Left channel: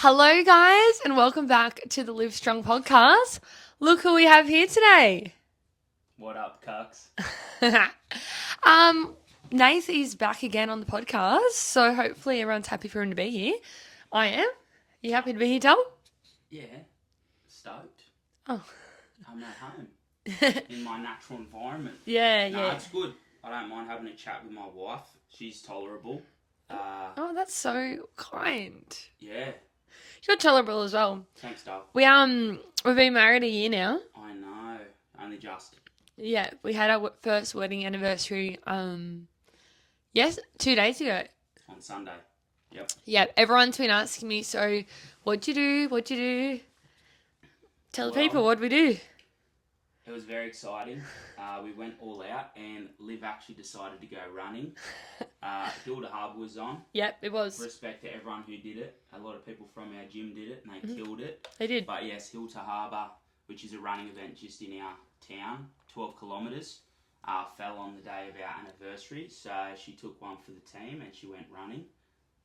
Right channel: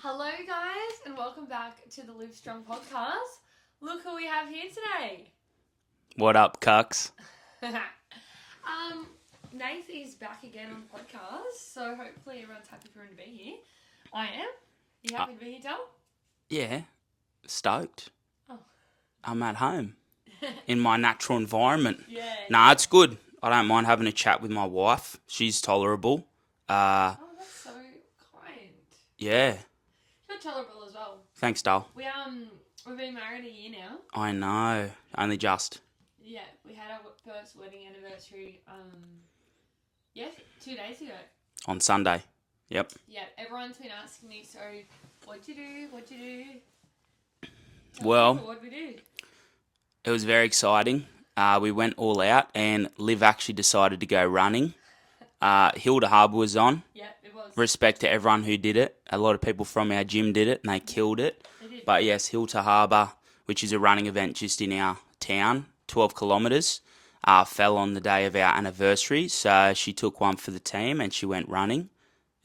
Hello, guys, and welcome back to the Live Strong podcast. Look who we have here today. What up, cucks? Nath is back again on the podcast, so hopefully everyone's happy for him to be here. I am. You happy to be here, Dal? Yeah, stoked. Oh. I'm at home in my natural environment. Yeah. Nah, it's good. I don't mind having a chat with my wife. She's tolerable. Oh, that's so kind. Yeah. You're tolerable as well. Thanks, Dal. We've been married a year now. I know. Only just. Yeah, we had our first wedding anniversary. 2 days ago. On Sunday. Yep. Yeah, everyone's been asking me, so what'd you do? Tell Well, people, what'd we do? It was very exciting. We went all out and Liv actually decided to go running. Hilda Harbour was on. Yep, it was. Respect to everyone who did it. A lot of people from our gym did it and they killed it. They did. But yes, Hilda Harbour, which is a running event just in our town, 12 kilometres, fell on the day of our anniversary. So she took one for the team and she went running.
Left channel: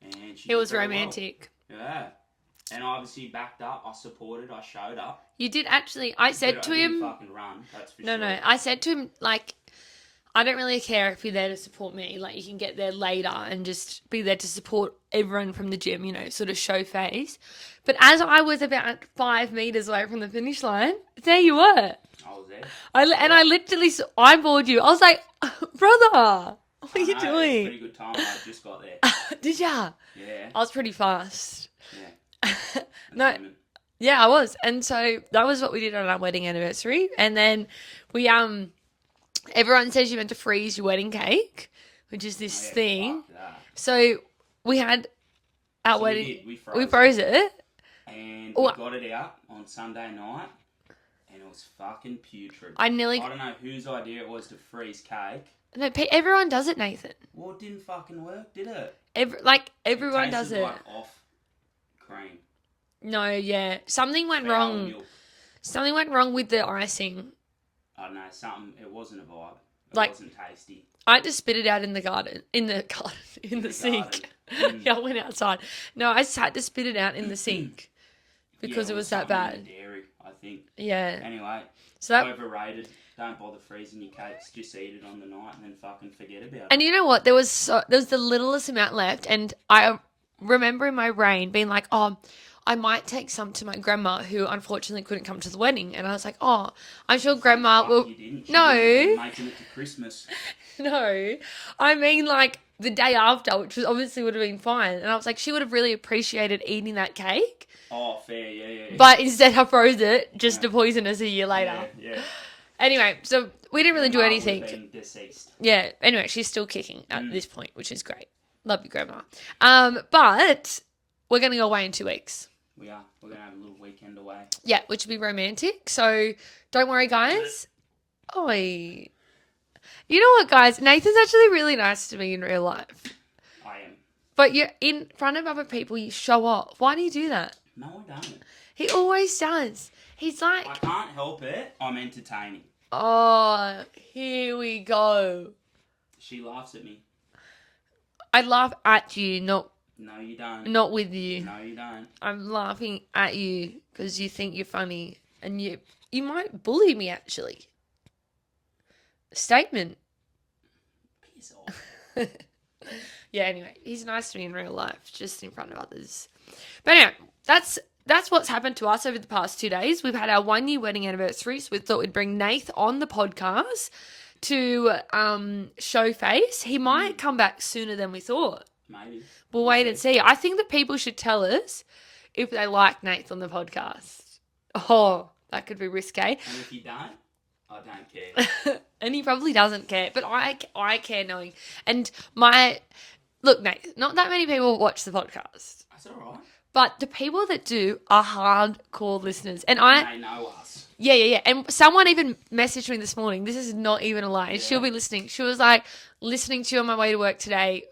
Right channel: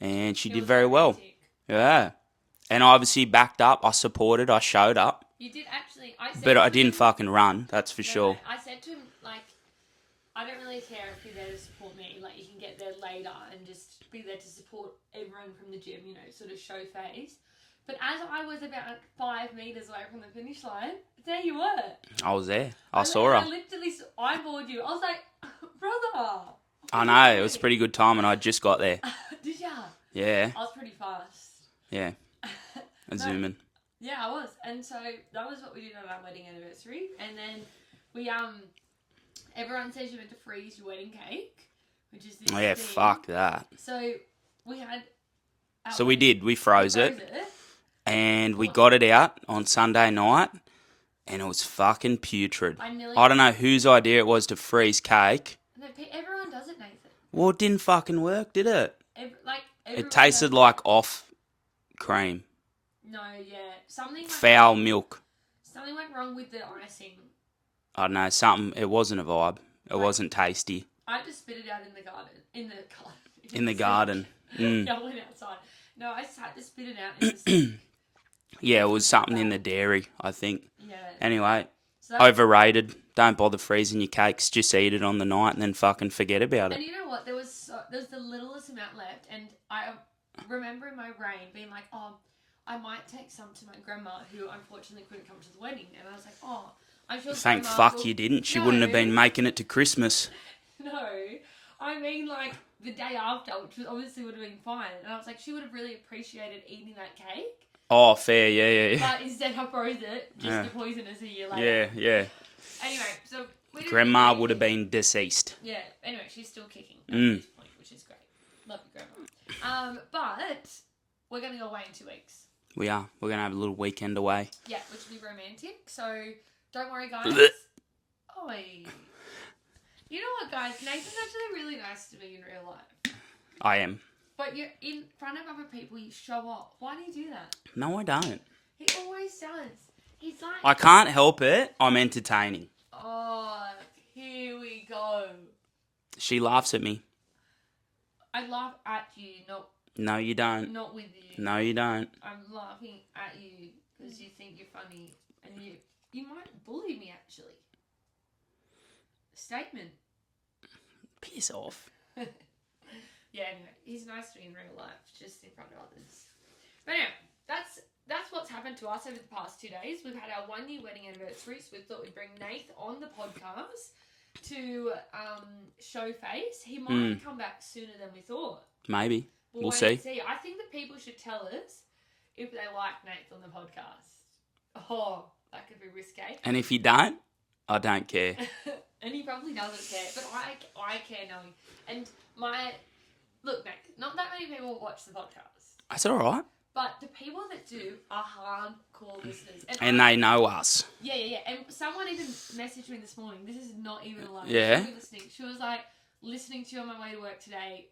And she did very romantic. well. Yeah. And I obviously backed up. I supported. I showed up. You did actually. I said But to I him, didn't fucking run. That's for sure. No, I said to him, like, I don't really care if you're there to support me. Like, you can get there later and just be there to support everyone from the gym, sort of show face. But as I was about 5 meters away from the finish line, there you were. I was there. I literally eyeballed you. I was like, brother. I know. It was a pretty good time and I just got there. Did ya? Yeah. I was pretty fast. Yeah. No. Zooming. Yeah, I was. And so that was what we did on our wedding anniversary. And then we, everyone says you're meant to freeze your wedding cake, which is this thing. Fuck that. So we had our So wedding. we did. We froze it. And we got it out on Sunday night and it was fucking putrid. I don't know whose idea it was to freeze cake. No, everyone does it, Nathan. Well, it didn't fucking work, did it? Everyone it tasted does like off cream. No, yeah. Something went Foul wrong. milk. Something went wrong with the icing. I don't know, something. It wasn't a vibe. It wasn't tasty. I had to spit it out in the garden. In the garden. Yeah, I went outside. No, I just had to spit it out in the sink. Yeah, it was something in the dairy, I think. Yeah. Anyway, so overrated. Don't bother freezing your cakes. Just eat it on the night and then fucking forget about it. And you know what? There was the littlest amount left, and I remember in my brain being like, oh, I might take some to my grandma, who unfortunately couldn't come to the wedding. And I was like, oh, I'm sure grandma will... you didn't. She wouldn't have been making it to Christmas. No. I mean, like, the day after, which was obviously would have been fine. And I was like, she would have really appreciated eating that cake. Oh, fair, yeah. But instead I froze it just to poison us a year later. Yeah. Anyway, so we didn't really do anything. Grandma would have been deceased. Yeah. Anyway, she's still kicking at this point, which is great. Love you, Grandma. But we're going to go away in 2 weeks. We are. We're going to have a little weekend away. Yeah, which will be romantic. So don't worry, guys. Oi. You know what, guys? Nathan's actually really nice to me in real life. I am. But you're in front of other people, you show off. Why do you do that? No, I don't. He always does. He's like... I can't help it. I'm entertaining. Oh, here we go. She laughs at me. I laugh at you, not... No, you don't. Not with you. No, you don't. I'm laughing at you because you think you're funny. And you might bully me, actually. Statement. Piss off. Yeah, anyway, he's nice to me in real life, just in front of others. But anyway, that's what's happened to us over the past 2 days. We've had our 1 year wedding anniversary, so we thought we'd bring Nath on the podcast to show face. He might come back sooner than we thought. Maybe. We'll wait and see. I think that people should tell us if they like Nath on the podcast. Oh, that could be risque. And if you don't, I don't care. And he probably doesn't care, but I care knowing. And look, Nate, not that many people watch the podcast. That's all right. But the people that do are hardcore listeners. And they know us. Yeah. And someone even messaged me this morning. This is not even a lie. Yeah. She'll be listening. She was like, listening to you on my way to work today,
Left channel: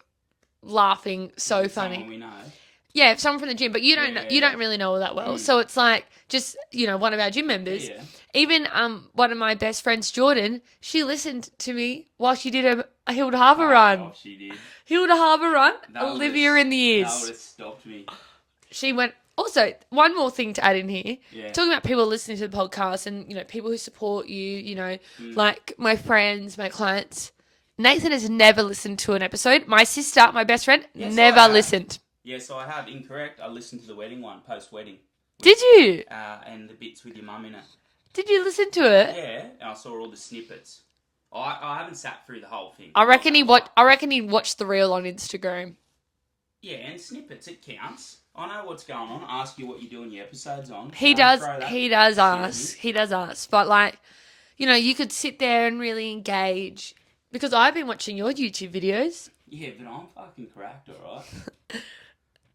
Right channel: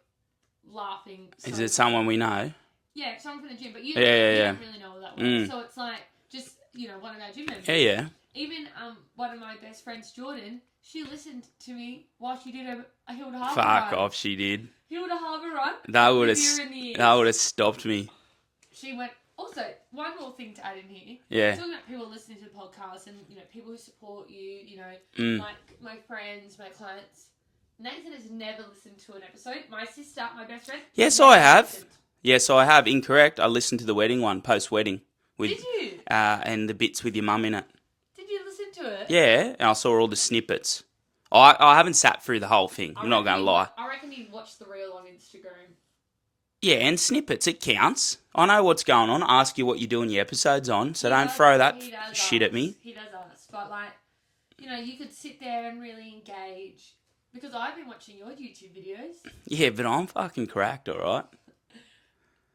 laughing so funny. Is it someone we know? Yeah, someone from the gym, but you don't really know her that well. So it's like just, one of our gym members. Yeah. Even one of my best friends, Jordan, she listened to me while she did a Hilda Harbour run. Fuck off, she did. Hilda Harbour run. Olivia in the ears. That would have stopped me. She went Also, one more thing to add in here. Yeah. Talking about people listening to the podcast and, people who support you, like my friends, my clients. Nathan has never listened to an episode. My sister, my best friend, Yes, never I have. listened. Yes, I have. Incorrect. I listened to the wedding one, post-wedding. Did you? And the bits with your mum in it. Did you listen to it? Yeah, and I saw all the snippets. I haven't sat through the whole thing. I reckon he watched the reel on Instagram. Yeah, and snippets, it counts. I know what's going on. I ask you what you're doing your episodes on, so He don't does. throw that He does shit ask. at me. He does ask, but you could sit there and really engage because I've been watching your YouTube videos Yeah, but I'm fucking cracked, all right?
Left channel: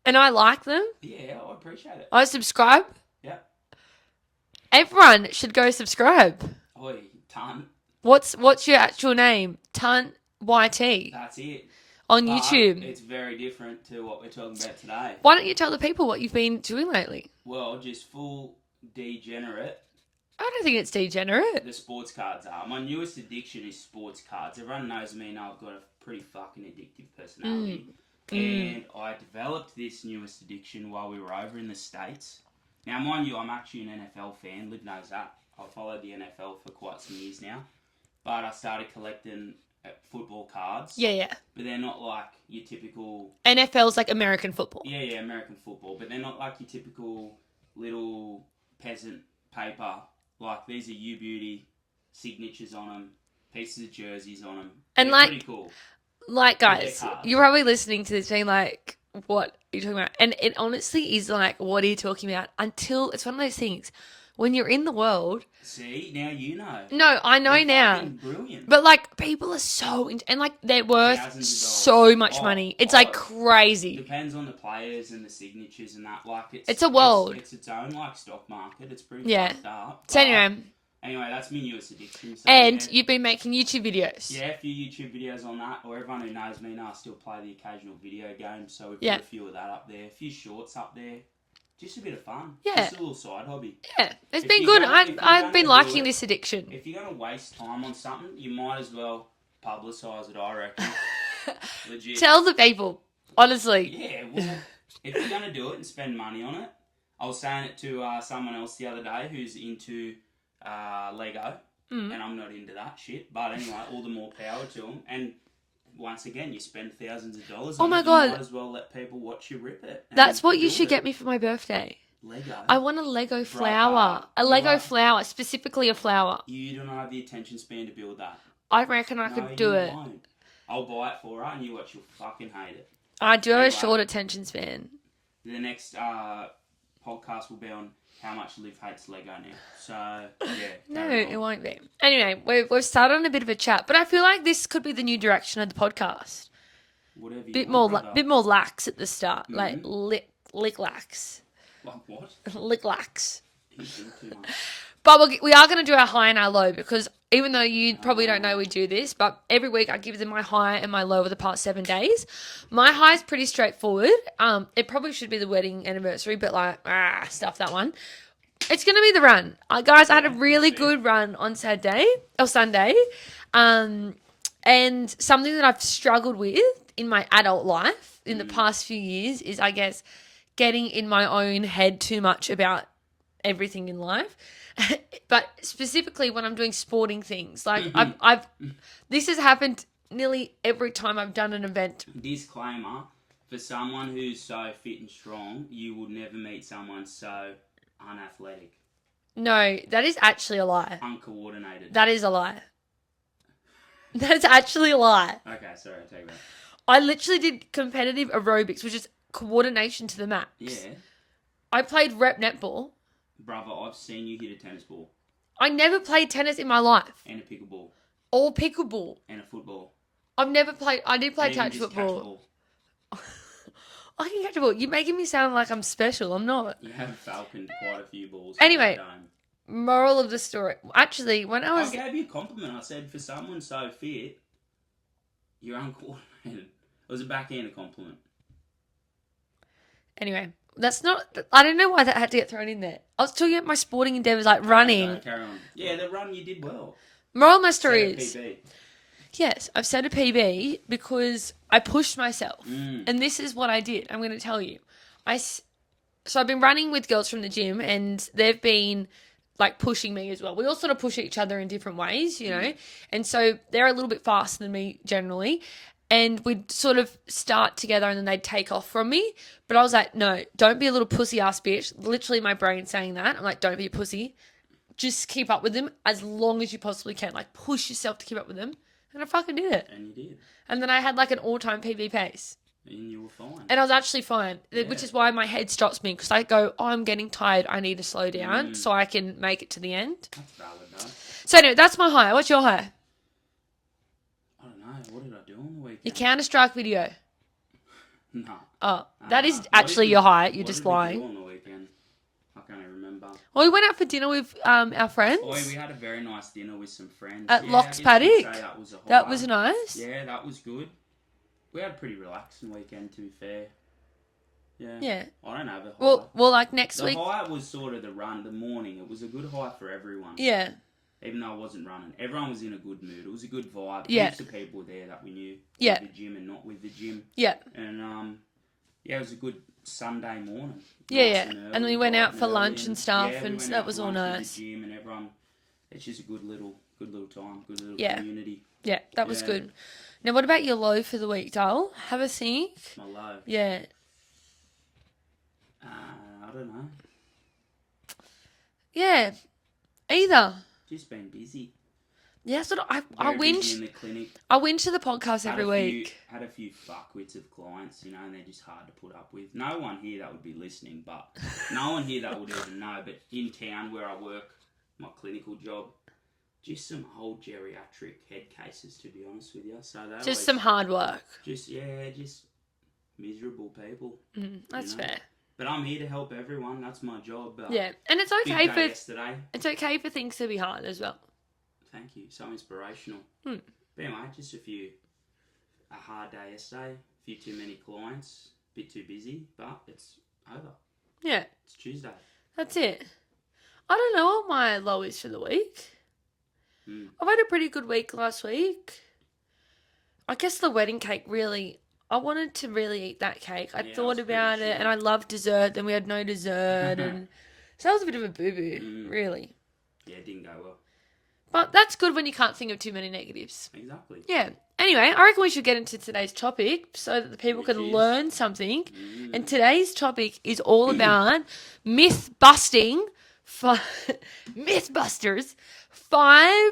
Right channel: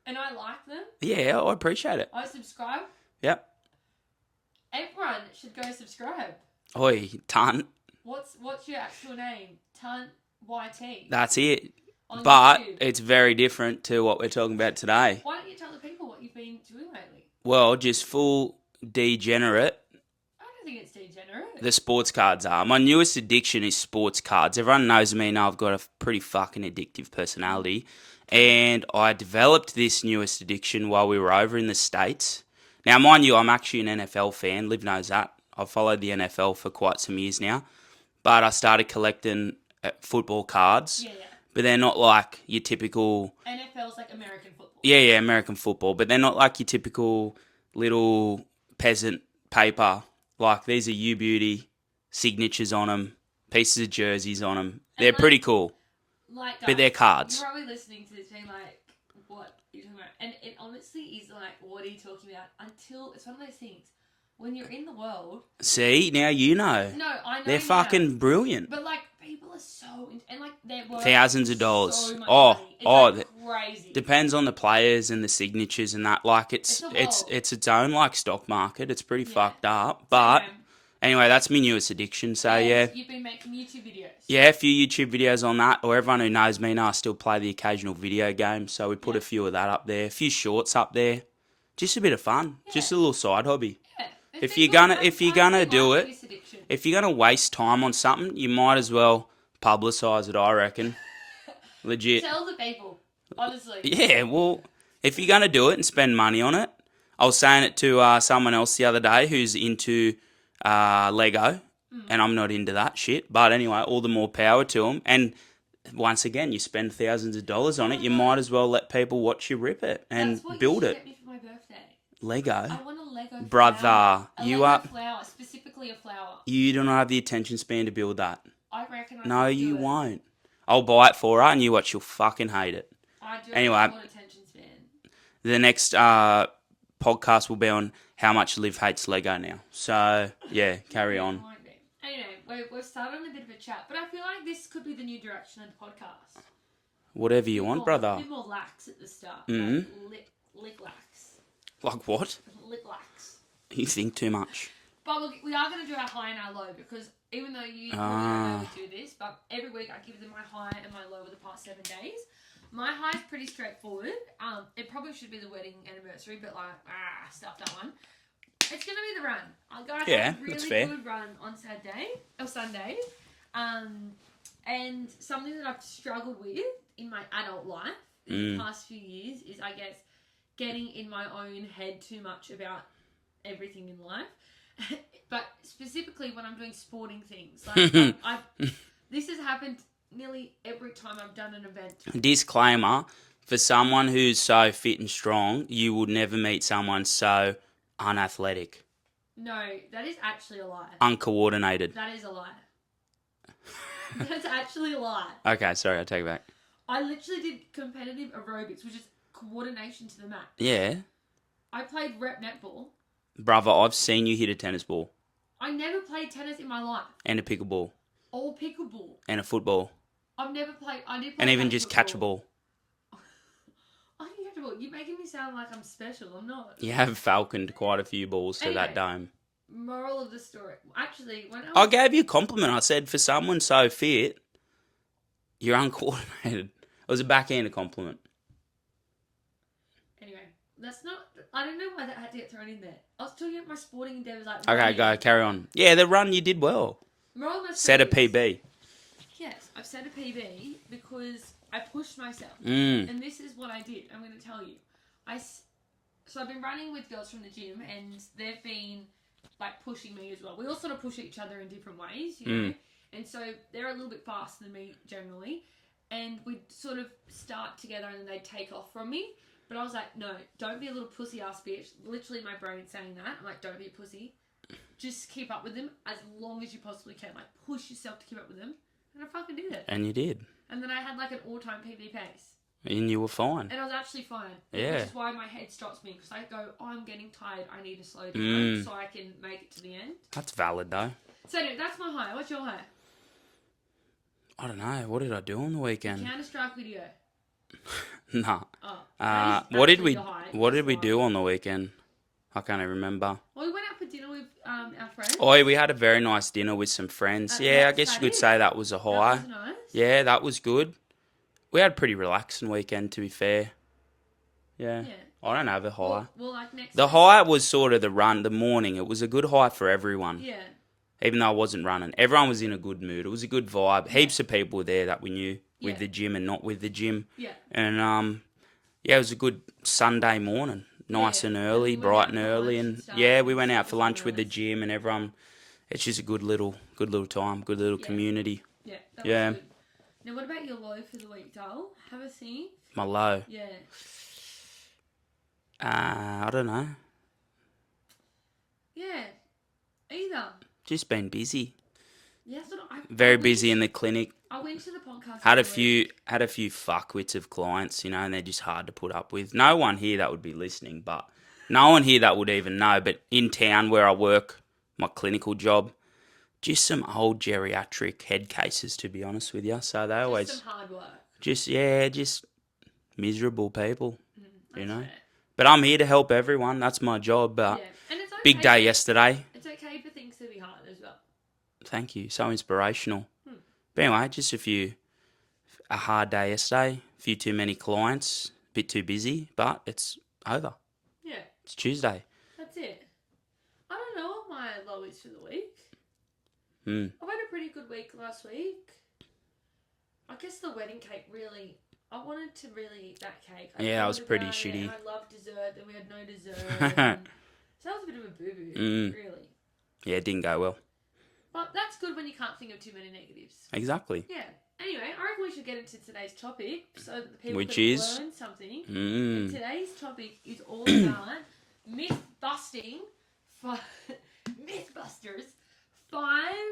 and I like them. Yeah, I appreciate it. I subscribe. Yep. Everyone should go subscribe. Oi, Tunt. What's your actual name? Tunt YT That's it. on But YouTube. it's very different to what we're talking about today. Why don't you tell the people what you've been doing lately? Well, just full degenerate. I don't think it's degenerate. The sports cards are. My newest addiction is sports cards. Everyone knows me now. I've got a pretty fucking addictive personality. And I developed this newest addiction while we were over in the States. Now, mind you, I'm actually an NFL fan. Liv knows that. I've followed the NFL for quite some years now. But I started collecting football cards. Yeah. But they're not like your typical... NFL's like American football. Yeah, American football. But they're not like your typical little peasant paper. Like, these are U-Beauty signatures on them, pieces of jerseys on them. And They're pretty cool. Like, guys, But they're cards. you're probably listening to this being like, what are you talking about? And it honestly is like, what are you talking about? Until it's one of those things when you're in the world. See, now you know. No, I know They're now. fucking brilliant. But people are so and they're worth Thousands of dollars. so much money. It's crazy. Depends on the players and the signatures and that. Like it's a world. It's its own stock market. It's pretty fucked up. So But anyway, that's my newest addiction. So and you've been making YouTube videos. Yeah, a few YouTube videos on that. Or everyone who knows me now, I still play the occasional video game. So we put a few of that up there. A few shorts up there. Just a bit of fun. Yeah. Just a little side hobby. Yeah, it's If been you're good. gonna- if you're I've gonna been do liking it- this addiction. If you're going to waste time on something, you might as well publicise it, I reckon. Legit. Tell the people, honestly. Yeah, well, if you're going to do it and spend money on it, I was saying it to someone else the other day who's into Lego, and I'm not into that shit. But anyway, all the more power to them. And once again, you spend thousands of dollars on my it, you God. might as well let people watch you rip it. And That's what you build should it. get me for my birthday. Lego. I want a Lego Brother, flower. A you Lego are- flower, specifically a flower. You don't have the attention span to build that. I reckon I No, could do you it. won't. I'll buy it for her, and you watch, you'll fucking hate it. I do have Anyway. a short attention span. The next podcast will be on how much Liv hates Lego now. So, yeah, carry No, on. it won't be. Anyway, we've started on a bit of a chat, but I feel like this could be the new direction of the podcast. Whatever you Bit want, more, brother. bit more lax at the start, like Mhm. lick lax, Like what? lick lax. You think too much. But we are going to do our high and our low because even though you probably don't know we do this, but every week I give them my high and my low over the past 7 days. My high is pretty straightforward. It probably should be the wedding anniversary, but stuff that one. It's going to be the run. Guys, I had a Yeah, really that's fair. good run on Sunday. And something that I've struggled with in my adult life in the past few years is, I guess, getting in my own head too much about everything in life. But specifically when I'm doing sporting things, like this has happened nearly every time I've done an event. Disclaimer, for someone who's so fit and strong, you will never meet someone so unathletic, No, that is actually a lie. uncoordinated. That is a lie. That's actually a lie. Okay, sorry, I take it back. I literally did competitive aerobics, which is coordination to the max. Yeah. I played rep netball. Brother, I've seen you hit a tennis ball I never played tennis in my life. and a pickleball Or pickleball. and a football I've never played. I did play and even catch just football. catch a ball. I can catch a ball. You're making me sound like I'm special. I'm not. You have falconed quite a few balls to Anyway. that dome. Moral of the story. Actually, when I I was... gave you a compliment. I said, for someone so fit, you're uncoordinated. It was a backhanded compliment. Anyway, that's not... I don't know why that had to get thrown in there. I was talking about my sporting endeavours, like running. Okay, go, carry on. Yeah, the run you did well. Moral of my story Set a is... PB. Yes, I've set a PB because I pushed myself. Mm. And this is what I did. I'm going to tell you. So I've been running with girls from the gym, and they've been like pushing me as well. We all sort of push each other in different ways, you know. And so they're a little bit faster than me generally. And we'd sort of start together and then they'd take off from me. But I was like, no, don't be a little pussy ass bitch. Literally my brain saying that. I'm like, don't be a pussy. Just keep up with them as long as you possibly can. Like, push yourself to keep up with them. And I fucking did it. And you did. And then I had like an all-time PB pace. And you were fine. And I was actually fine, which is why my head stops me, because I go, oh, I'm getting tired. I need to slow down so I can make it to the end. That's valid, though. So anyway, that's my high. What's your high? I don't know. What did I do on the weekend? Your Counter-Strike video. Nah. Oh, that is actually your high. What did we do on the weekend? I can't even remember. Well, we went out for dinner with our friends. Oh, we had a very nice dinner with some friends. At Yeah, Lock's I guess Paddock. you could say that was a high. That was nice. Yeah, that was good. We had a pretty relaxing weekend, to be fair. Yeah. Yeah. I don't have a high. Well, like next The week. high was sort of the run, the morning. It was a good high for everyone. Yeah. Even though I wasn't running. Everyone was in a good mood. It was a good vibe. Yeah. Heaps of people were there that we knew with the gym and not with the gym. Yeah. And, it was a good Sunday morning. Nice and early, and we went bright out and for early. lunch and stuff. Yeah, we and went so out that for was all lunch with the nice. gym and everyone. It's just a good little time, good little community. Yeah, that was good. Now, what about your low for the week, Dale? Have a think. My low? Yeah. I don't know. Yeah. Either. Just been busy. Yeah, sort of. Very busy in the clinic. I went to the podcast Had every week. Had a few fuckwits of clients, and they're just hard to put up with. No one here that would be listening, but no one here that would even know. But in town where I work, my clinical job, just some old geriatric head cases, to be honest with you. So they Just always some hard work. just miserable people. That's fair. But I'm here to help everyone. That's my job. Yeah, and it's okay. Big day yesterday. It's okay for things to be hard as well. Thank you. So inspirational. But anyway, just a hard day yesterday. A few too many clients. A bit too busy, but it's over. Yeah. It's Tuesday. That's it. I don't know what my low is for the week. I've had a pretty good week last week. I guess the wedding cake really... I wanted to really eat that cake. I thought about it, and I love dessert, then we had no dessert. And so that was a bit of a boo-boo, really. Yeah, it didn't go well. But that's good when you can't think of too many negatives. Exactly. Yeah. Anyway, I reckon we should get into today's topic so that the people can learn something. And today's topic is all about myth-busting. Mythbusters. 5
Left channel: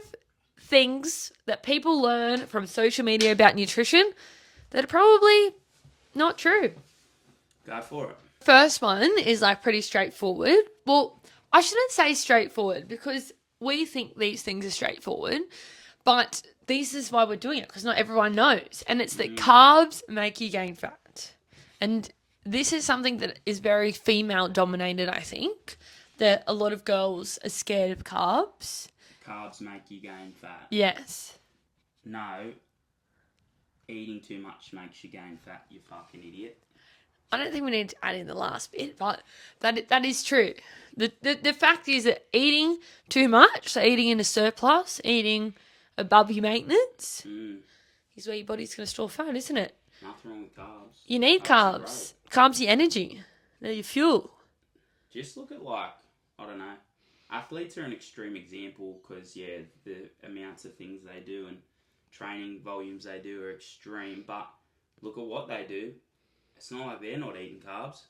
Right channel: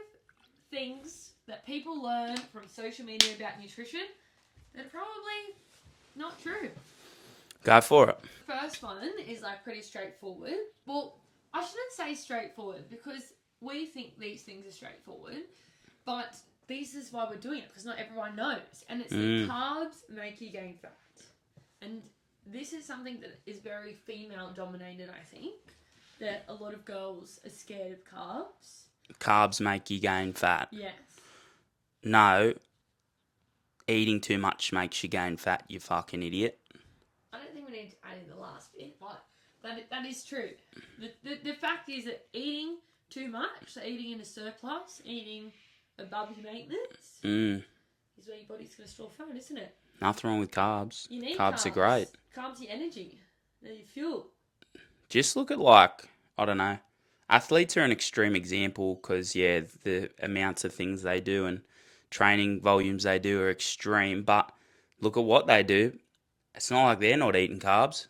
things that people learn from social media about nutrition that are probably not true. Go for it. First one is like pretty straightforward. Well, I shouldn't say straightforward because we think these things are straightforward, but this is why we're doing it, because not everyone knows. And it's that carbs make you gain fat. And this is something that is very female dominated, I think, that a lot of girls are scared of carbs. Carbs make you gain fat. Yes. No. Eating too much makes you gain fat, you fucking idiot. I don't think we need to add in the last bit, but that is true. The fact is that eating too much, so eating in a surplus, eating above your maintenance, is where your body's going to store fat, isn't it? Nothing wrong with carbs. You need carbs. Carbs are great. Carbs are your energy. They're your fuel. Just look at I don't know. Athletes are an extreme example because, the amounts of things they do and training volumes they do are extreme. But look at what they do. It's not like they're not eating carbs.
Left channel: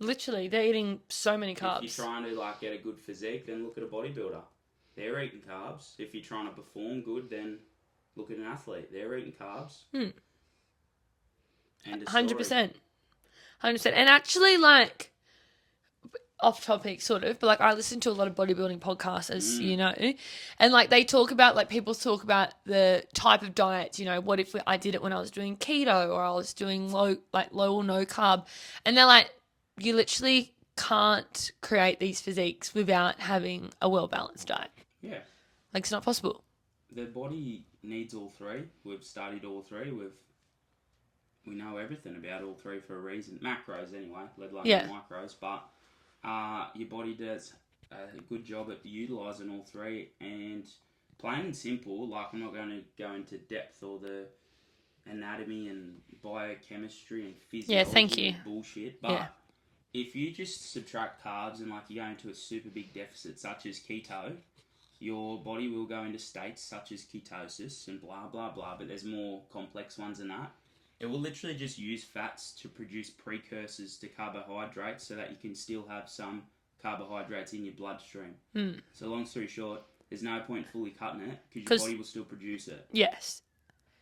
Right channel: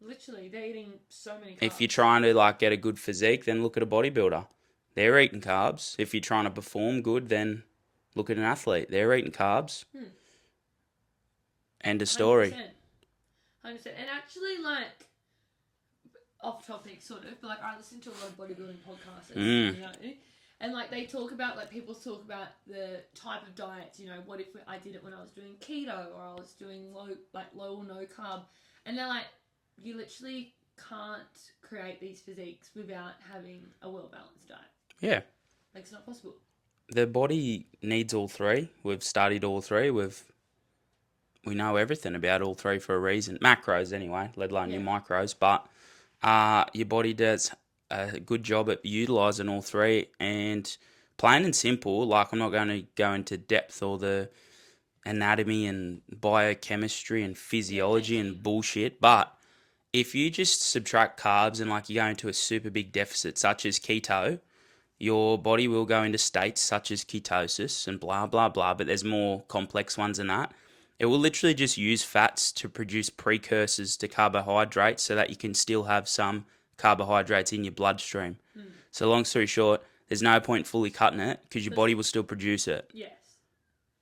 Literally, they're eating so many carbs. If you're trying to get a good physique, then look at a bodybuilder. They're eating carbs. If you're trying to perform good, then look at an athlete. They're eating carbs. End of story. 100%. And actually, off topic sort of, but I listen to a lot of bodybuilding podcasts, as you know, and they talk about people talk about the type of diets. What if I did it when I was doing keto or I was doing low or no carb, and they're like, you literally can't create these physiques without having a well balanced diet. Yeah, it's not possible. The body needs all three. We've studied all three. We know everything about all three for a reason. Macros anyway, let alone the micros, but. Your body does a good job at utilising all three, and plain and simple, I'm not going to go into depth or the anatomy and biochemistry and physiology and bullshit, but if you just subtract carbs and like you go into a super big deficit such as keto, your body will go into states such as ketosis and blah blah blah, but there's more complex ones than that. It will literally just use fats to produce precursors to carbohydrates so that you can still have some carbohydrates in your bloodstream. So long story short, there's no point fully cutting it because your 'Cause- body will still produce it. Yes.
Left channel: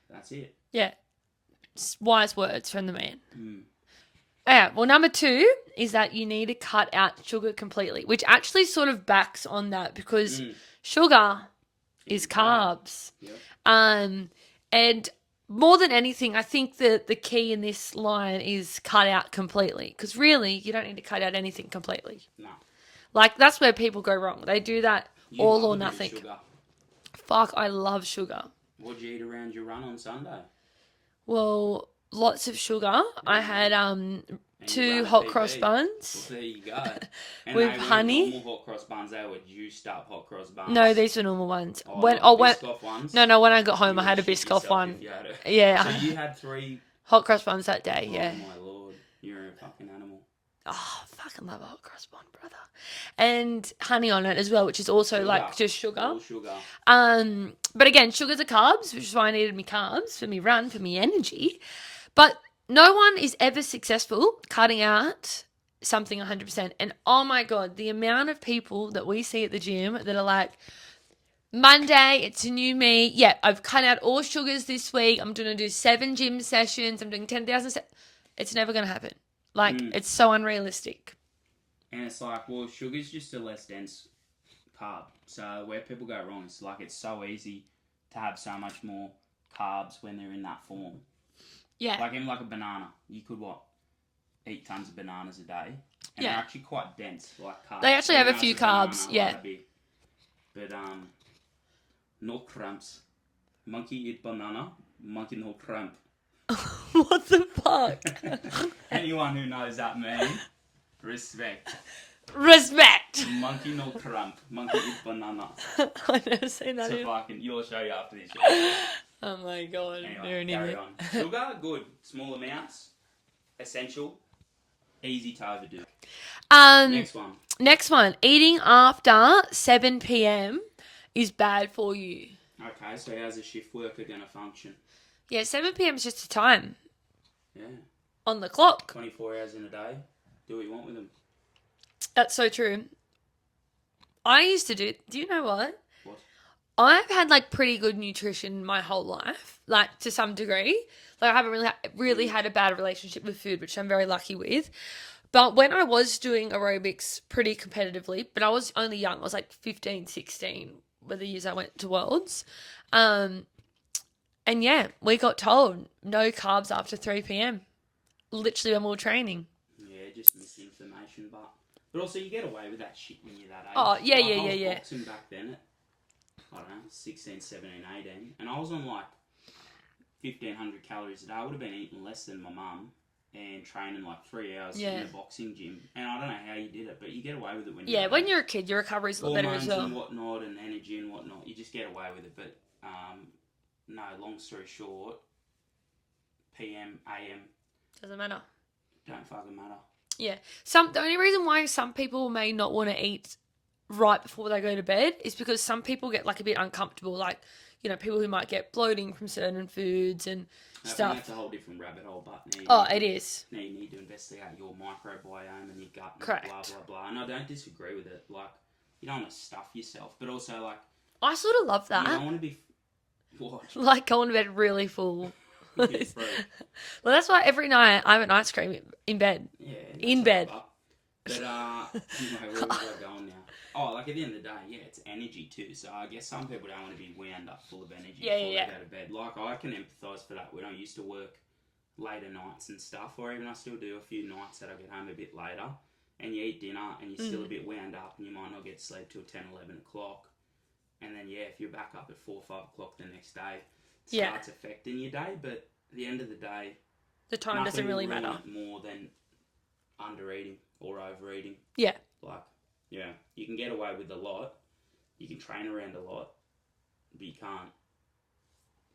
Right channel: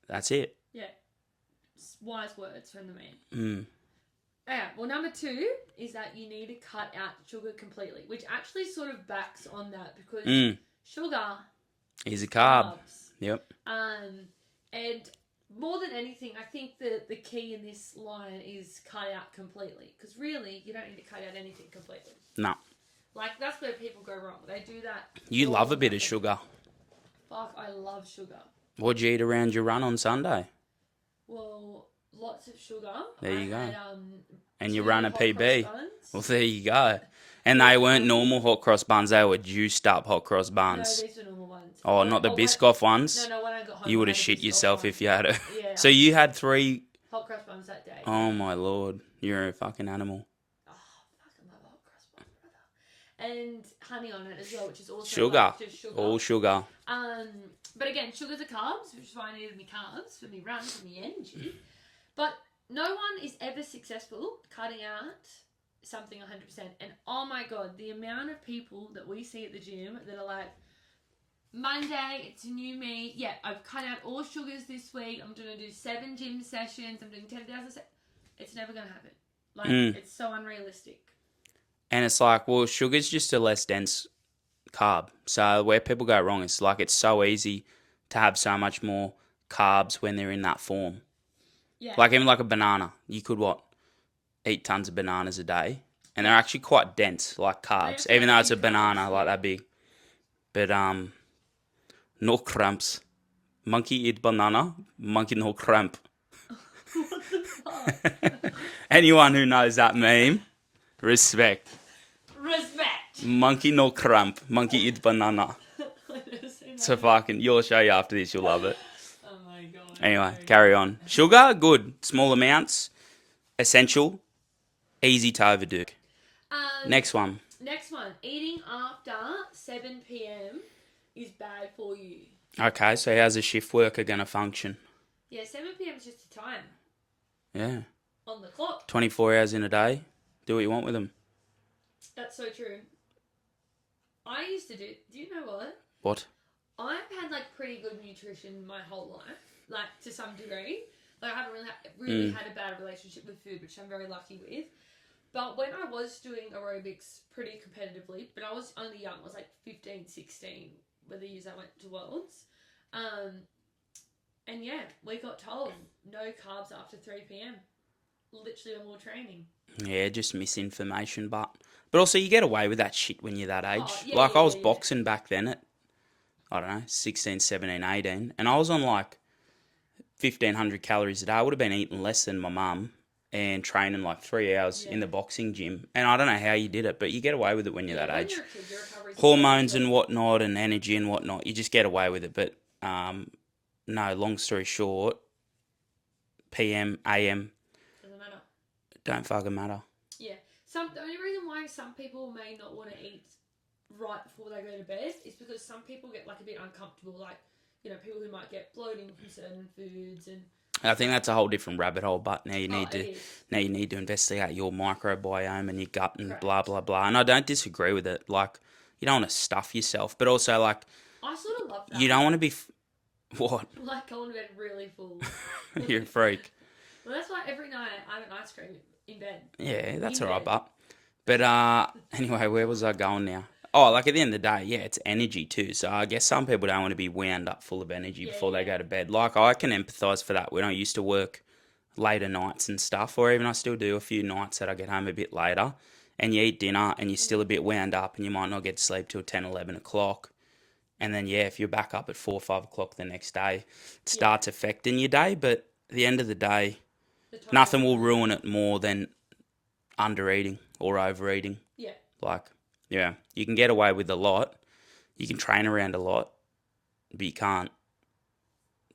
That's it. Yeah. Wise words from the man. Mm. Yeah, well, number 2 is that you need to cut out sugar completely, which actually sort of backs on that because sugar is Easy carb. carbs. Yep. And more than anything, I think that the key in this line is cut out completely because really you don't need to cut out anything completely. No. Like, that's where people go wrong. They do that. You all love or a bit nothing. of sugar. Fuck, I love sugar. What'd you eat around your run on Sunday? Well, lots of sugar. There I you had go. And 2 you ran a hot PB. cross buns. Well, there you go. And With they weren't honey? normal hot cross buns. They were juiced up hot cross buns. No, these were normal ones. Oh, not the Biscoff ones? No, when I got home, You I would had have a shit Biscoff yourself one. if you had it. Yeah. So you had 3... Hot cross buns that day, yeah. Oh, my Lord. You're a fucking animal. Oh, fucking love a hot cross bun, brother. And honey on it as well, which is also like just sugar. All sugar. But again, sugars are carbs, which is why I needed me carbs for me run, for me energy. But no one is ever successful cutting out something 100%. And oh my God, the amount of people that we see at the gym that are like, Monday, it's a new me. Yeah, I've cut out all sugars this week. I'm going to do 7 gym sessions. I'm doing 10,000 It's never going to happen. Like, it's so unrealistic. And it's like, well, sugar's just a less dense carb. So where people go wrong is like it's so easy to have so much more carbs when they're in that form. Yeah. Like even like a banana. You could, eat tons of bananas a day. And they're actually quite dense, like carbs. They actually even have though a it's few a banana, carbs, like yeah. that big. But, no cramps. Monkey eat banana, monkey no cramp. What the fuck? Anyone who knows that meme, respect. Respect. Monkey no cramp, monkey eat banana. I've never seen that. So fucking, you'll show you after this, you'll love it. Oh my God. Anyway, carry on. Sugar, good. Small amounts, essential, easy to overdo. Next one. Next one. Eating after 7 p.m. is bad for you. Okay, so how's a shift worker going to function? Yeah, 7 p.m. is just a time Yeah. on the clock. 24 hours in a day. Do what you want with them. That's so true. I used to do you know what? What? I've had like pretty good nutrition my whole life, like to some degree. Like I haven't really had a bad relationship with food, which I'm very lucky with. But when I was doing aerobics pretty competitively, but I was only young, I was like 15, 16, were the years I went to Worlds. And yeah, we got told no carbs after 3 p.m. Literally when we were training. Yeah, just misinformation, but also you get away with that shit when you're that age. Oh, yeah, like yeah, I was yeah. boxing back then at, I don't know, 16, 17, 18, and I was on like 1,500 calories a day. I would have been eating less than my mum and training like 3 hours in the boxing gym. And I don't know how you did it, but you get away with it when you're that age. Yeah, when you're a kid, your recovery's hormones and whatnot and energy and whatnot, you just get away with it. But no, long story short, PM, AM, doesn't matter. don't fucking matter. Yeah. The only reason why some people may not want to eat right before they go to bed is because some people get like a bit uncomfortable, like, you know, people who might get bloating from certain foods and I think that's a whole different rabbit hole, but now you need to investigate your microbiome and your gut and blah, blah, blah. And I don't disagree with it. Like, you don't want to stuff yourself, but also, like... I sort of love that. You don't want to be... What? Like, going to bed really full. You're a freak. Well, that's why every night I have an ice cream in bed. Yeah, that's all right, but anyway, where was I going now? Oh, like at the end of the day, yeah, it's energy too. So I guess some people don't want to be wound up full of energy before they go to bed. Like I can empathise for that when I used to work later nights and stuff, or even I still do a few nights that I get home a bit later and you eat dinner and you're still a bit wound up and you might not get to sleep till 10, 11 o'clock. And then, yeah, if you're back up at 4 or 5 o'clock the next day, it starts affecting your day. But at the end of the day, nothing will ruin it more than under-eating or overeating. Yeah. Like, yeah, you can get away with a lot. You can train around a lot, but you can't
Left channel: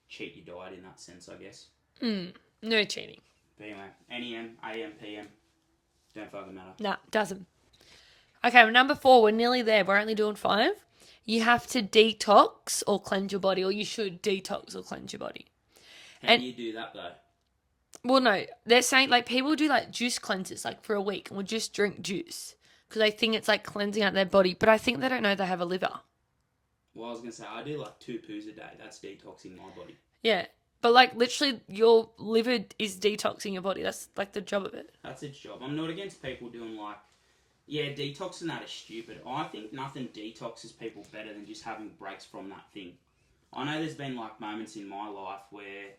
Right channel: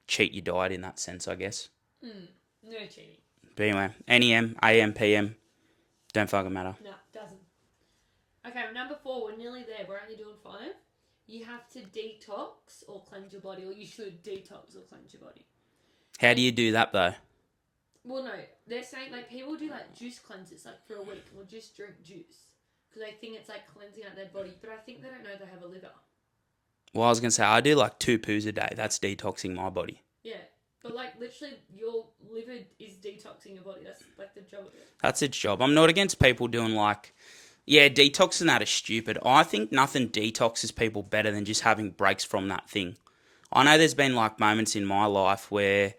cheat your diet in that sense, I guess. No cheating. But anyway, NEM, AM, PM, Don't fucking matter. Nah, doesn't. Okay, well, number 4, we're nearly there. We're only doing 5. You have to detox or cleanse your body, or you should detox or cleanse your body. How do you do that, though? Well, no, they're saying, like, people do, like, juice cleanses, like, for a week and will just drink juice because they think it's, like, cleansing out their body. But I think they don't know they have a liver. Well, I was going to say, I do, like, 2 poos a day. That's detoxing my body. Yeah. But, like, literally, your liver is detoxing your body. That's, like, the job of it. That's its job. I'm not against people doing, like... Yeah, detoxing that is stupid. I think nothing detoxes people better than just having breaks from that thing. I know there's been, like, moments in my life where...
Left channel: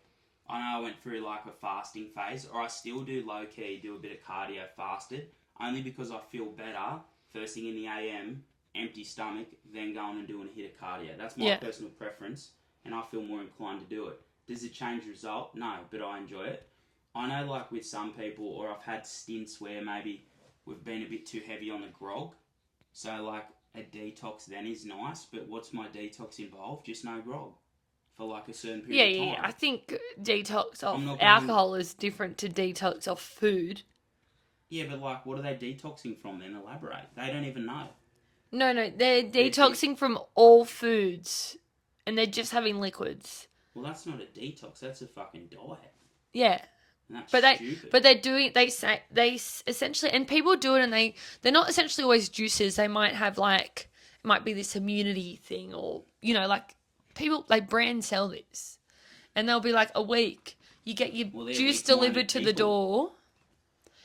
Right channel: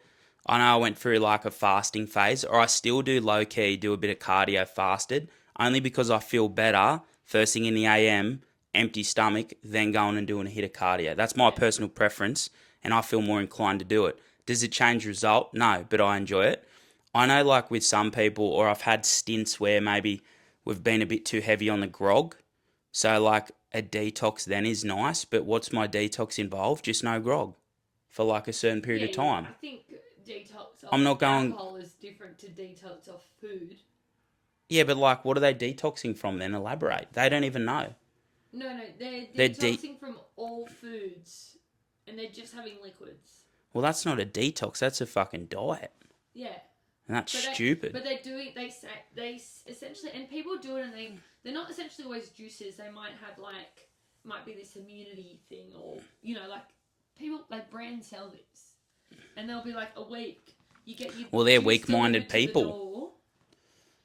I know I went through, like, a fasting phase, or I still do low-key, do a bit of cardio fasted, only because I feel better first thing in the AM, empty stomach, then going and doing a hit of cardio. That's my personal preference, and I feel more inclined to do it. Does it change the result? No, but I enjoy it. I know, like, with some people, or I've had stints where maybe we've been a bit too heavy on the grog, so, like, a detox then is nice, but what's my detox involve? Just no grog for, like, a certain period of time. Yeah, I think detox of I'm not going... alcohol is different to detox of food. Yeah, but, like, what are they detoxing from then? Elaborate. They don't even know. No, they're detoxing from all foods, and they're just having liquids. Well, that's not a detox. That's a fucking diet. Yeah. And that's stupid. But they're doing, they essentially, and people do it, and they're not essentially always juices. They might have, like, it might be this immunity thing, or, you know, like, people, like, brand sell this, and they'll be like, a week, you get your juice delivered to the door.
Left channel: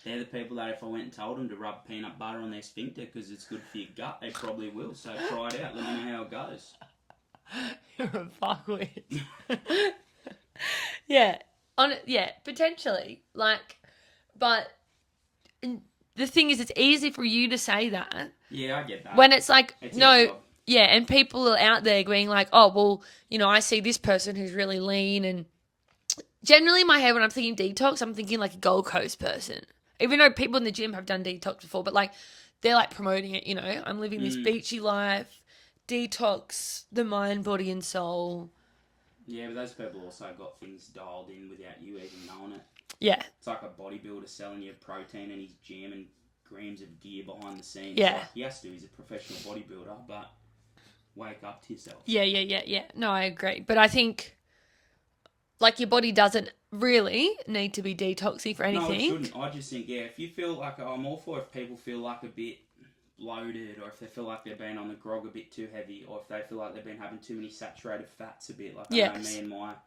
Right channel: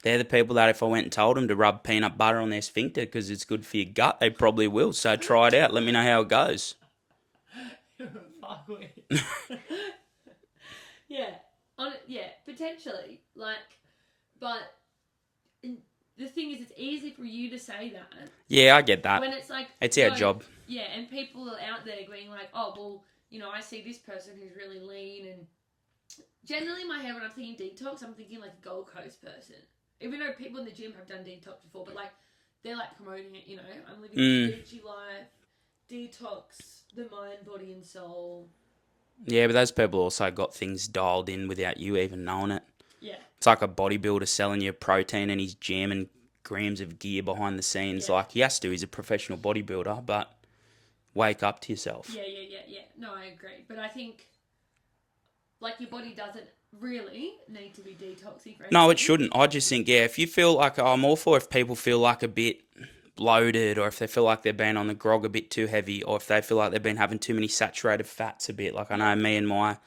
They're the people that if I went and told them to rub peanut butter on their sphincter because it's good for your gut, they probably will. So try it out. Let me know how it goes. You're a fuckwit. Yeah. Yeah, potentially. Like, but the thing is, it's easy for you to say that. Yeah, I get that. When it's like... It's our job. Yeah, and people are out there being like, oh, well, you know, I see this person who's really lean, and generally in my head when I'm thinking detox, I'm thinking like a Gold Coast person. Even though people in the gym have done detox before, but, like, they're, like, promoting it, you know. I'm living this beachy life, detox the mind, body, and soul. Yeah, but those people also got things dialed in without you even knowing it. Yeah. It's like a bodybuilder selling you protein and he's jamming grams of gear behind the scenes. Yeah. Like, he has to. He's a professional bodybuilder, but wake up to yourself. Yeah. No, I agree. But I think, like, your body doesn't really need to be detoxing for anything. No, it shouldn't. I just think, yeah, if you feel like... I'm all for if people feel like a bit bloated, or if they feel like they've been on the grog a bit too heavy, or if they feel like they've been having too many saturated fats a bit. Like, I know me and my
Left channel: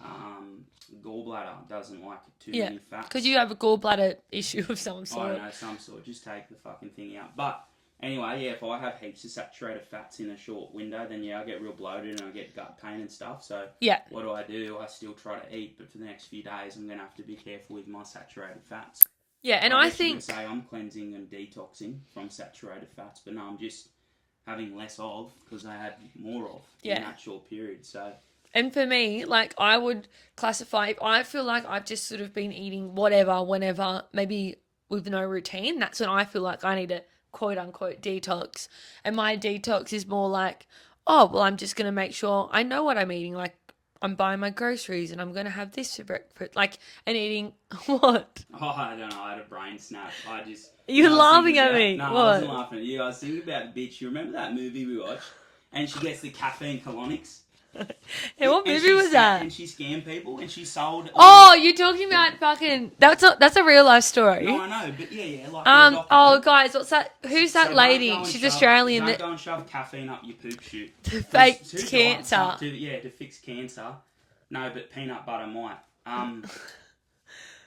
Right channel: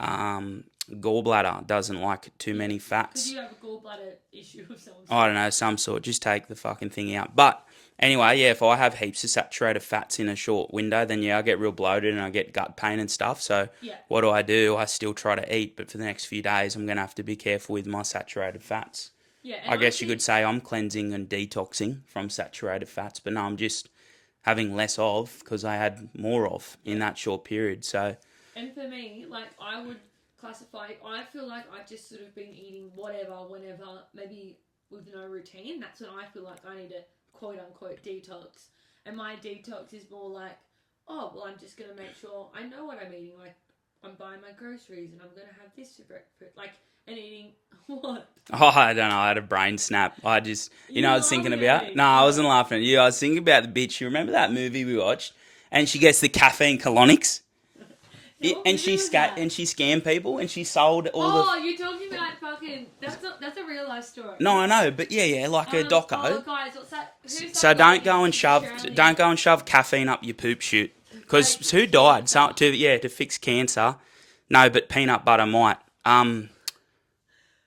gallbladder doesn't like too many fats. Because you have a gallbladder issue of some sort. I don't know, some sort. Just take the fucking thing out. But anyway, yeah, if I have heaps of saturated fats in a short window, then yeah, I get real bloated and I get gut pain and stuff. So what do? I still try to eat, but for the next few days, I'm going to have to be careful with my saturated fats. Yeah, and I guess you could say I'm cleansing and detoxing from saturated fats, but no, I'm just having less of because I had more of in that short period. So, and for me, like, I would classify, I feel like I've just sort of been eating whatever, whenever, maybe with no routine. That's when I feel like I need a quote unquote detox. And my detox is more like, oh, well, I'm just going to make sure I know what I'm eating. Like, I'm buying my groceries and I'm going to have this for breakfast. Like, and eating what? Oh, I don't know. I had a brain snap. I just... You're know, laughing at me. No, I wasn't laughing at you. I was thinking about the bitch. You remember that movie we watched? And she gets the caffeine colonics. Hey, what movie was that? And she scammed people and she sold all you're talking about fucking... That's a real life story. No, I know. But yeah, like a doco. Oh, guys, what's that? Who's that lady? She's Australian. Don't go and shove caffeine up your poop chute. Because who died? To fix cancer. No, but peanut butter might. Anyway,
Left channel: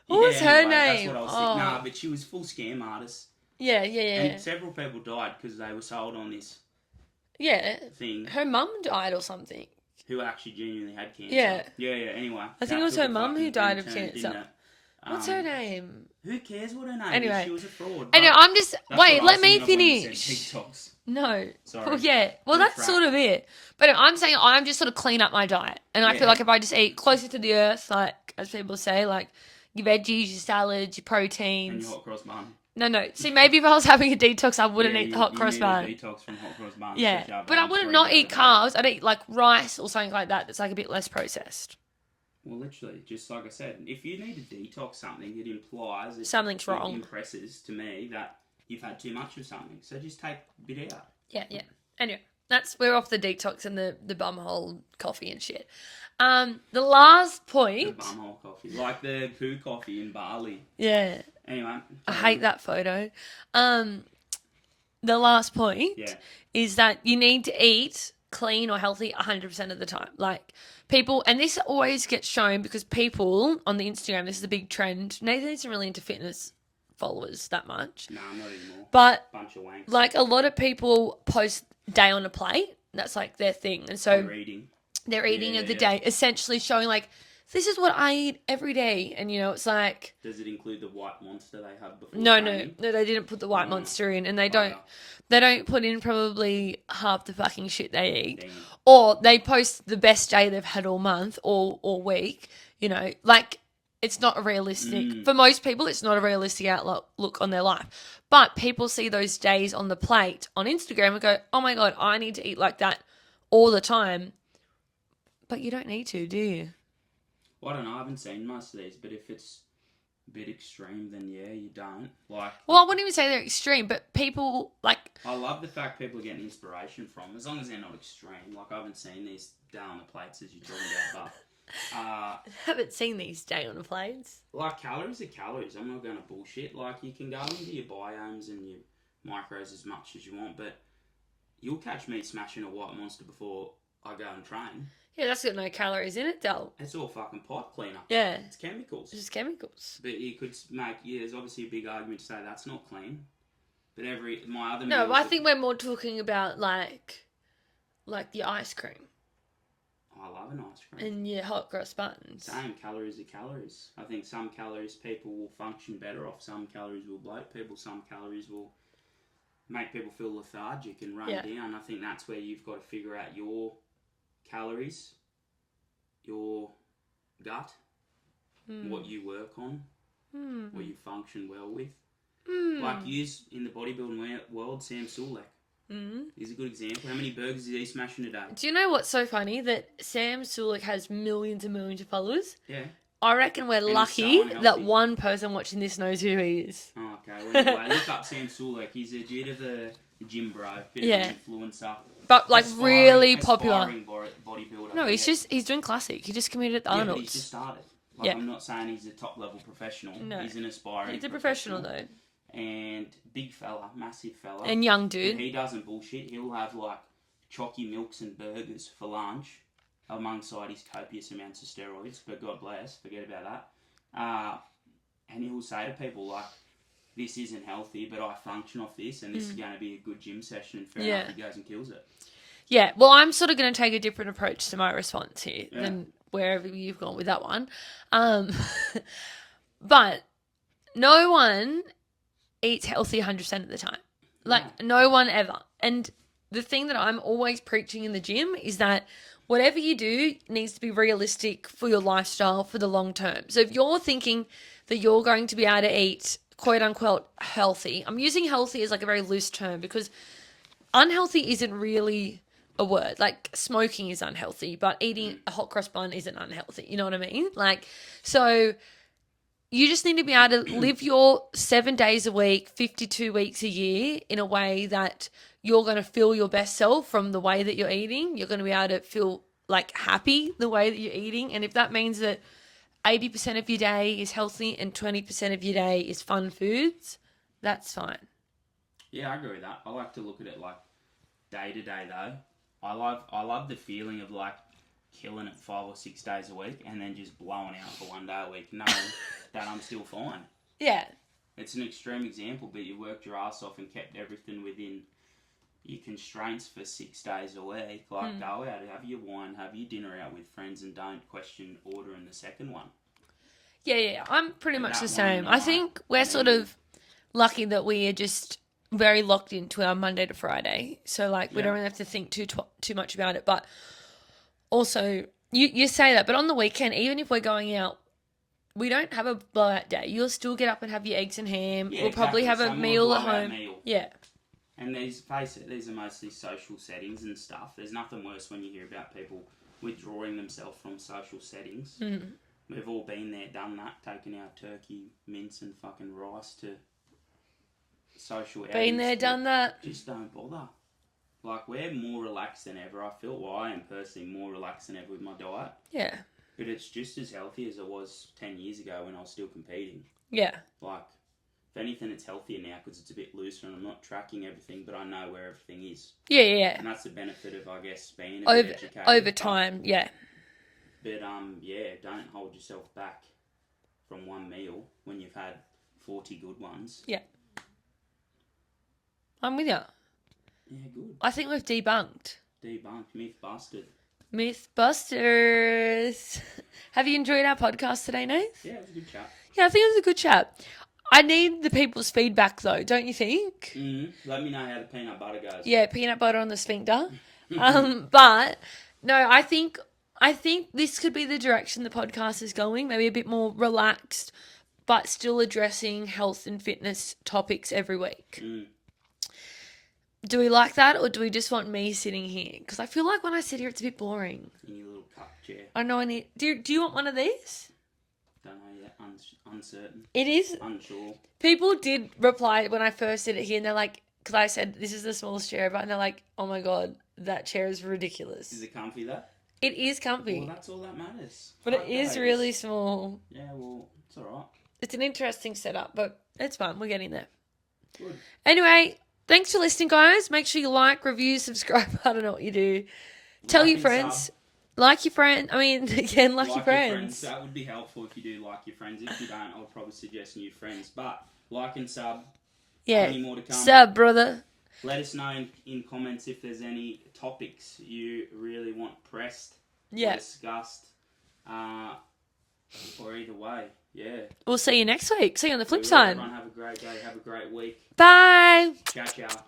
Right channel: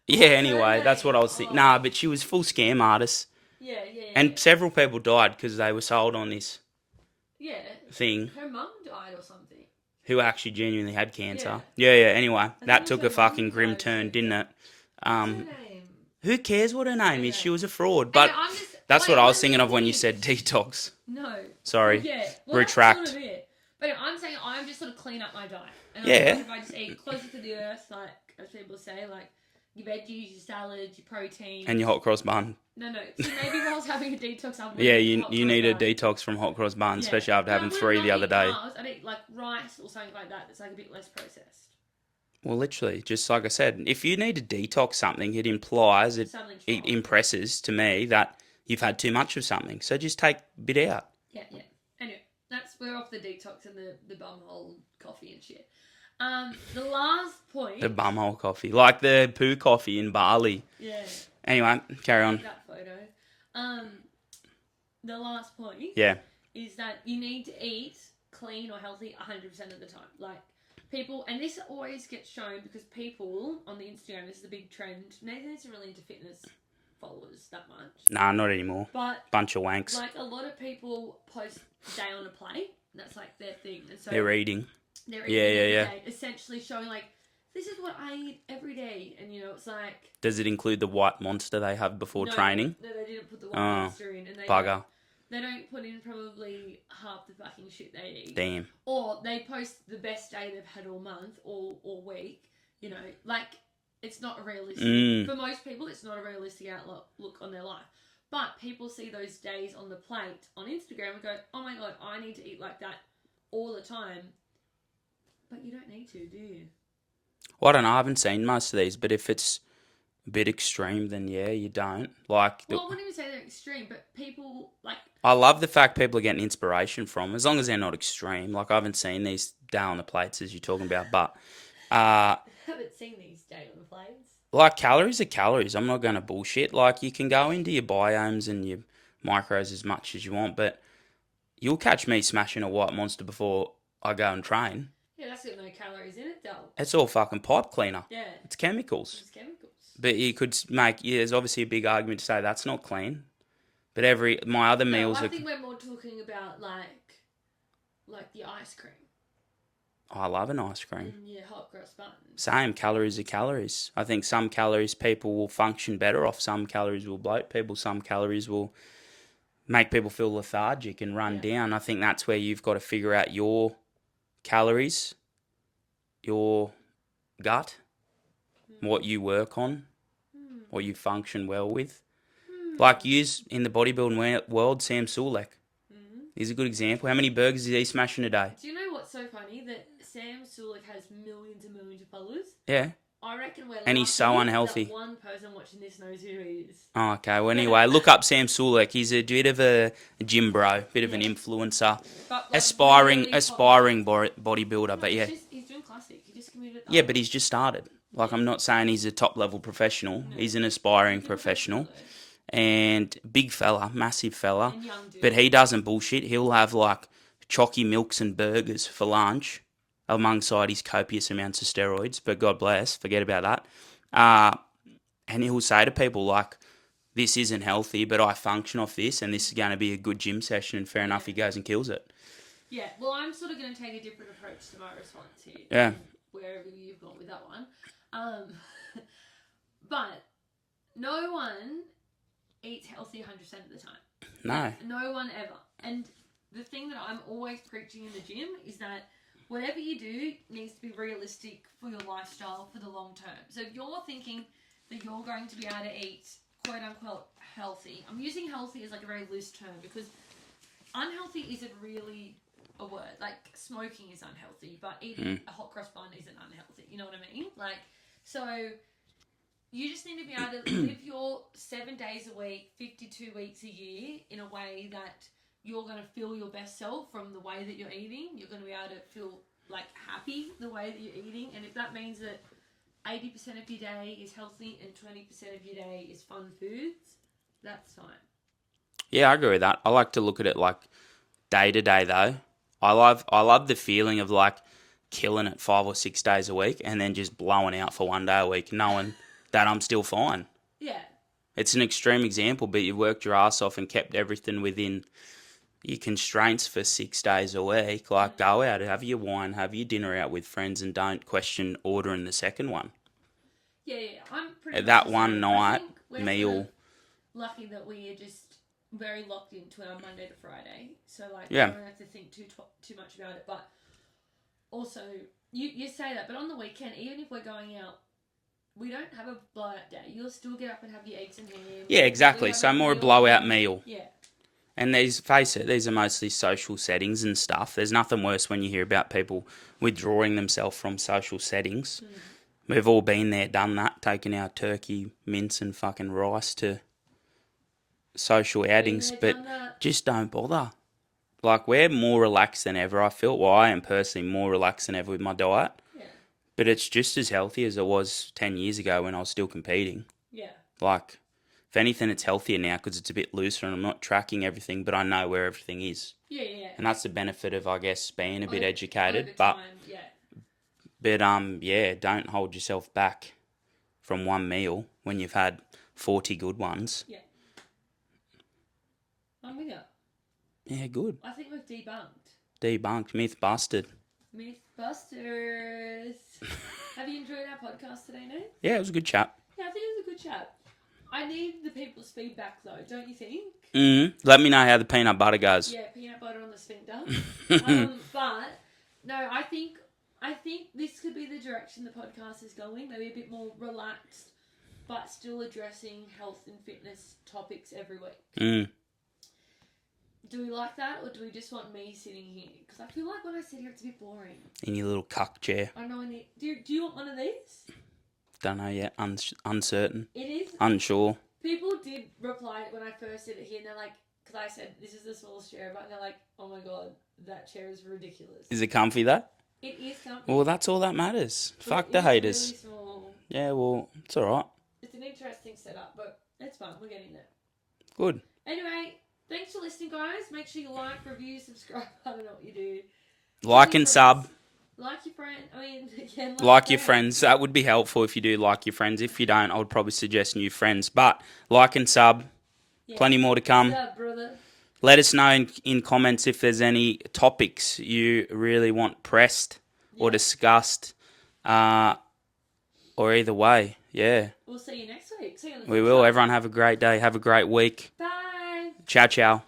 that's what I was thinking. Nah, but she was full scam artist. Yeah. And several people died because they were sold on this thing. Her mum died or something. Who actually genuinely had cancer. Yeah. Anyway, that took a fucking grim turn, didn't it? What's her name? Who cares what her name is? She was a fraud. But anyway, I'm just... That's what I was thinking of when you said detox. No. Sorry. Well, yeah. Well, that's sort of it. But I'm saying I'm just sort of clean up my diet. And I feel like if I just eat closer to the earth, like, as people say, like, your veggies, your salads, your proteins. And your hot cross bun. No. See, maybe if I was having a detox, I wouldn't eat hot cross bun. You need a detox from hot cross bun, especially after having 3 the other day. But I wouldn't eat carbs. I'd eat, like, rice or something like that that's, like, a bit less processed. Well, literally, just like I said, if you need to detox something, it implies, Something's it wrong. impresses to me that you've had too much of something. So just take a bit out. Yeah. Anyway, we're off the detox and the bumhole coffee and shit. The last point. The bumhole coffee. Like the poo coffee in Bali. Yeah. Anyway, I carry on. hate that photo. The last point is that you need to eat clean or healthy 100% of the time. Like people, and this always gets shown because people on the Instagram, this is a big trend. Nathan isn't really into fitness followers that much. Nah, not anymore. But bunch of wanks. like a lot of people post day on a plate. That's like their thing. And so they're eating. They're eating of the day, essentially showing like, this is what I eat every day. And, you know, it's like... Does it include the white monster they have before training? No, they didn't put the white monster in. And they don't put in probably half the fucking shit they eat. Damn. Or they post the best day they've had all month or week. You know, like, it's not a realistic... For most people, it's not a realistic outlook on their life. But people see those days on the plate on Instagram and go, oh my God, I need to eat like that all the time. But you don't need to, do you? Well, I don't know. I haven't seen most of these, but if it's a bit extreme, then yeah, you don't. Like, well, I wouldn't even say they're extreme, but people like... I love the fact people are getting inspiration from, as long as they're not extreme. Like, I haven't seen these day on the plates as you're talking about, but... I haven't seen these day on the plates. Like, calories are calories. I'm not going to bullshit. Like, you can go into your biomes and your micros as much as you want, but you'll catch me smashing a white monster before I go and train. Yeah, that's got no calories in it, though. It's all fucking pipe cleaner. Yeah. It's chemicals. It's just chemicals. But you could make... Yeah, there's obviously a big argument to say that's not clean. But my other meals... No, I think we're more talking about, like the ice cream. I love an ice cream. And your hot cross buns. Same, calories are calories. I think some calories people will function better off. Some calories will bloat people. Some calories will make people feel lethargic and run down. I think that's where you've got to figure out your calories, your gut, what you work on, what you function well with. Like use in the bodybuilding world, Sam Sulek. He's a good example. How many burgers is he smashing a day? Do you know what's so funny? That Sam Sulek has millions and millions of followers. Yeah. I reckon we're lucky that one person watching this knows who he is. Oh, okay. Well, anyway, look up Sam Sulek. He's a bit of a gym bro, bit of an influencer. But like aspiring bodybuilder. No, but he's doing classic. He just committed at the Arnold's. But he's just started. Like, I'm not saying he's a top-level professional. No. He's an aspiring professional. And big fella, massive fella. And young dude. But he doesn't bullshit. He'll have, like, chalky milks and burgers for lunch alongside his copious amounts of steroids. But God bless, forget about that. And he'll say to people, like, this isn't healthy, but I function off this, and this is going to be a good gym session, and fair enough, he goes and kills it. Yeah, well, I'm sort of going to take a different approach to my response here. Yeah. And wherever you've gone with that one. But no one eats healthy 100% of the time. No. Like, no one ever. And the thing that I'm always preaching in the gym is that whatever you do needs to be realistic for your lifestyle for the long term. So if you're thinking that you're going to be able to eat quote unquote healthy, I'm using healthy as like a very loose term because unhealthy isn't really a word. Like smoking is unhealthy, but eating a hot cross bun isn't unhealthy. You know what I mean? Like, so you just need to be able to live your 7 days a week, 52 weeks a year in a way that you're going to feel your best self from the way that you're eating. You're going to be able to feel like happy the way that you're eating. And if that means that 80% of your day is healthy and 20% of your day is fun foods, that's fine. Yeah, I agree with that. I like to look at it like day to day though. I love the feeling of like killing it 5 or 6 days a week and then just blowing out for 1 day a week knowing that I'm still fine. Yeah. It's an extreme example, but you worked your ass off and kept everything within your constraints for 6 days a week. Like, go out, have your wine, have your dinner out with friends, and don't question ordering the second one. Yeah. I'm pretty much that the one same. night I think we're meal. sort of lucky that we are just very locked into our Monday to Friday. So, like, we don't really have to think too much about it. But also, you say that, but on the weekend, even if we're going out, we don't have a blowout day. You'll still get up and have your eggs and ham. Yeah, exactly. So more a blowout meal. Yeah. And face it, these are mostly social settings and stuff. There's nothing worse when you hear about people withdrawing themselves from social settings. We've all been there, done that, taken our turkey, mince and fucking rice to social outings. Been there, done that. Just don't bother. Like, we're more relaxed than ever, I feel. Well, I am personally more relaxed than ever with my diet. Yeah. But it's just as healthy as it was 10 years ago when I was still competing. Yeah. Like, if anything, it's healthier now because it's a bit looser and I'm not tracking everything, but I know where everything is. Yeah. And that's the benefit of, I guess, being a bit educated. Over time, yeah. But, yeah, don't hold yourself back from one meal when you've had 40 good ones. Yeah. I'm with you. Yeah, good. I think we've debunked. Debunked. Myth busted. Mythbusters. Have you enjoyed our podcast today, Nath? Yeah, it was a good chat. Yeah, I think it was a good chat. I need the people's feedback, though, don't you think? Let me know how the peanut butter goes. Yeah, peanut butter on the sphincter. But, no, I think this could be the direction the podcast is going. Maybe a bit more relaxed, but still addressing health and fitness topics every week. Do we like that, or do we just want me sitting here? Because I feel like when I sit here, it's a bit boring. In your little cuck chair. I know I need... Do you want one of these? Don't know yet. Uncertain. It is... Unsure. People did reply when I first did it here, and they're like... Because I said, this is the smallest chair ever, and they're like, oh my God, that chair is ridiculous. Is it comfy, though? It is comfy. Well, that's all that matters. But Fuck it the is haters. really small. Yeah, well, it's all right. It's an interesting setup, but it's fun. We're getting there. Good. Anyway, thanks for listening, guys. Make sure you like, review, subscribe. I don't know what you do. Like and sub. Like your friend. I mean, again, like your friends. That would be helpful if you do like your friends. If you don't, I would probably suggest new friends. But like and sub. Yeah. Plenty more to come. Sub, brother. Let us know in comments if there's any topics you really want pressed or discussed. Or either way, yeah. We'll see you next week. See you on the flip We will. side. Everyone have a great day. Have a great week. Bye. Ciao, ciao.